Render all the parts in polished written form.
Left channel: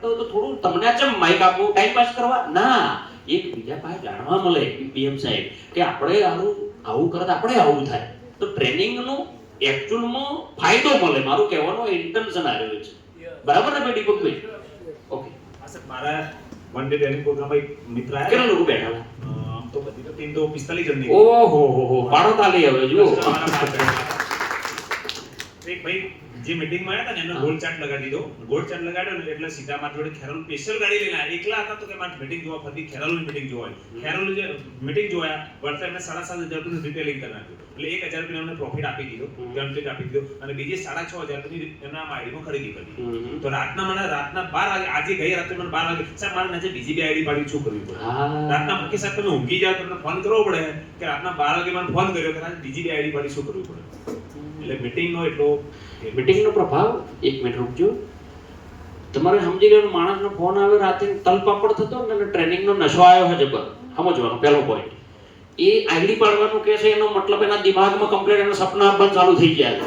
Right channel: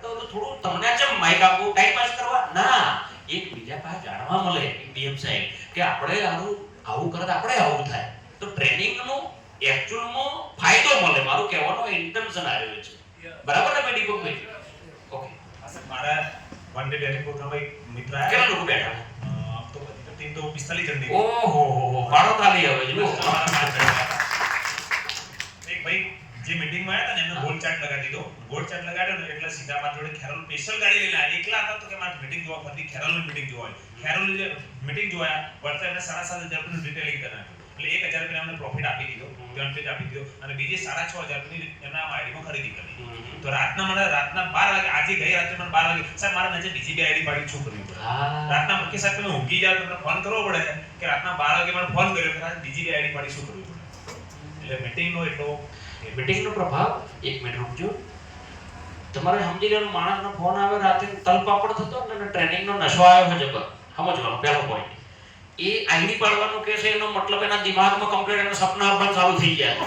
કરતો હોય તો થોડું તમને ચમ માઈક આપવું ટાઈમ પાસ કરવા ના, એક બીજા પાસે જાણવા મળે પીએમ સાહેબ કે આપણે આવું કરતા આપણે આવું થાય તો ટ્રેનિંગનો એકચ્યુઅલમાં ફાયદો મળે. મારું કહેવાનો ઇન્ટેન્શન આવ્યો છે. બરાબર ને બેટી કોઈ? ઓકે હા સર, મારા વન ડે ટ્રેનિંગ પ્રોગ્રામ એક મિત્ર આયા. કેટલા લોકો બેઠા? તો બધી તો ટીમ તો 45 જણની. ઓહો હો, પાડો તાલી હવે જો. એક ભાઈ જે મીટિંગમાં આવ્યા હતા ને એમને ગોળ ચાર્ટ લગાડી દીધો. ગોળ ચાર્ટ લગાડ્યો ને એટલે સીધા મારા જોડે ખેરોલ સ્પેશિયલ ગાડી લઈને આવ્યા. એકલા હતા તો કે મારે મીટિંગ જોવા ફરતી ખેરોલની મીટિંગ જોવા. ખેરોલ જે મીટિંગ જોયા વળતા એમને 7,500 રૂપિયાનું રિટેલિંગ કરી નાખ્યું. એટલે 1,000 રૂપિયા એમને પ્રોફિટ આપી દીધો, બેનિફિટ આપી દીધો અને બીજે 6,500 રૂપિયાની એમના આઈડીમાં ખરીદી કરી. તો રાતના 12 વાગે, આજે ગઈ રાત્રે મને 12 વાગે સાહેબ મારા નજર બીજી બે આઈડી પાડી શું કરવું પડે? રાતના કે સાહેબ તમે ઊંઘી જાવ તમને ફોન કરવો પડે કે રાતના 12 વાગે મને ફોન કર્યો કે બીજી બે આઈડી પાડી શું કરવું પડે? એટલે મીટિંગનો એટલો મીટિંગનો પ્રભાવ. એક મિનિટ રૂકજો. તમારે સમજી લેવાનું, માણસનો ફોન આવે રાતે તલપાપડ થતો ને ટ્રેનિંગનો નશો આવ્યો છે જબર. સમજવાનો પહેલો પોઈન્ટ. એ આઈડી પાડવાનું કે છે એનો મતલબ એના દિમાગમાં કમ્પ્લીટ એના સપના આવવાનું ચાલુ થઈ ગયા છે.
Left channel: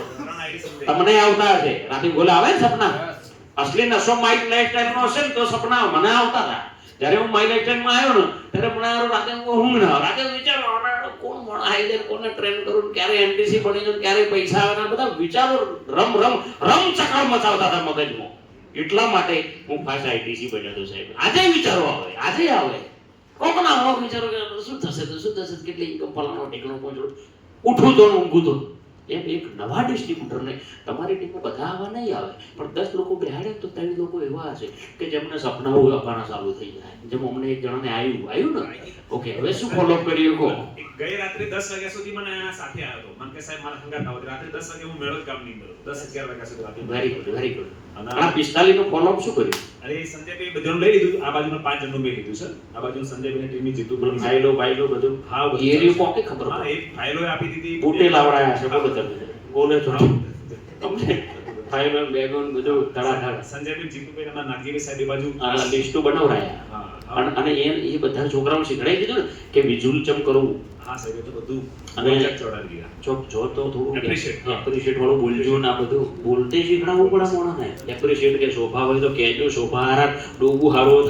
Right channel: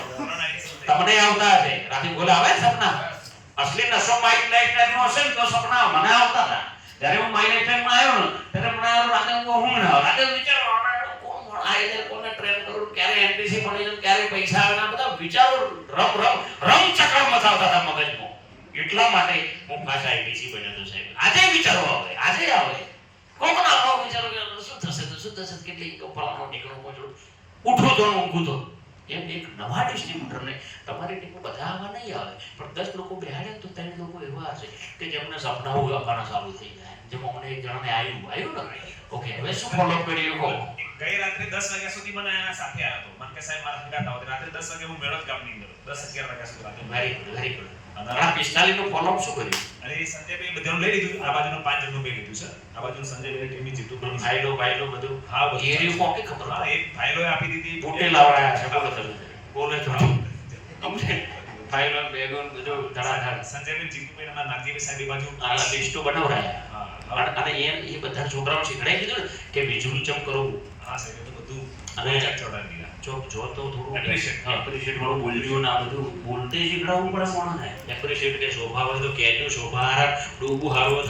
તમને આવતા હશે રાતે બોલે આવે ને સપના. અસલી નશો માઇક લાઈફસ્ટાઈલનો હશે ને તો સપના મને આવતા હતા. જ્યારે હું માઇક લાઈફસ્ટાઈલમાં આવ્યો ને ત્યારે મને રાતે ઊંઘ ન આવે. રાતે વિચારો કોણ આઈ કોને ટ્રેન કરું, ક્યારે એનટીસી બની જાય, ક્યારે પૈસા આવે, બધા વિચારો રમ ચક્ર મચાવતા હતા મગજમાં. એટલા માટે હું પાછા આઈટીસી બન્યો હતો સાહેબ. આજે વિચારો આવે, આજે આવે. કોકના આવો વિચારો કે શું થશે તો શું થશે, કેટલી ઇન્કમ ફલાણો ટીકણો પહોંચો, ઉઠું તો ઊંઘું તો. એમ એક નવા ડિસ્ટ્રીબ્યુટરને તમારી ટીમમાં બધા આવા નહીં આવે પણ 10 લોકો બેહાડે તો 3 લોકો એવા હશે કે જેમને સપનાઓ આવવાના ચાલુ થઈ જાય. જેમ અમને એક જણાને આવ્યું ને. ઓકે, હવે શું ફોલો કર્યું કહો. ગઈ રાત્રે 10 વાગ્યા સુધી મને એના સાથે આવ્યો હતો. મને કે સાહેબ મારા હંગાત આવો. રાત્રે 10 વાગે હું મેળો કામની અંદર 10-11 વાગ્યા સુધી રાત્રે. Very good. અને આ 45 નો ફોલો અપ શું કર્યું? અરે સંજયભાઈ બધાનું લઈ લીધું. આ બાજુનો 5 જણનું મેં લીધું છે. આ બાજુ સંજયભાઈ ટીમની જીતુભાઈ ભાઈલો બધું. હા એ રહ્યું કોકે ખબર. હા, એ ફાઇલો આપી દીધી. બૂટે લાવડાયા છે બોલે તો તમને ફાઇલો બેગોન બધું ધડાધડ. સંજયભાઈ જીતુભાઈ અને નાગજીભાઈ સાહેબ એ બાજુ આ લિસ્ટો બનાવડાયા. અને એ બધા છોકરાઓને શીખડાવી દીધું ને કે વિઝ્યુઅલ ચમ કરવું. હા સાહેબ, એ તો બધું અને ચોડાવી દીધા. જો તો થોડું એપ્રિશિએટ થોડું બોલજો ને આ બધું બોલતે શીખડાવવું પડે મોણાને. એપ્રિશિએટ કે શોભા હોય તો કહેજો, શોભા હારા ડોબું હારો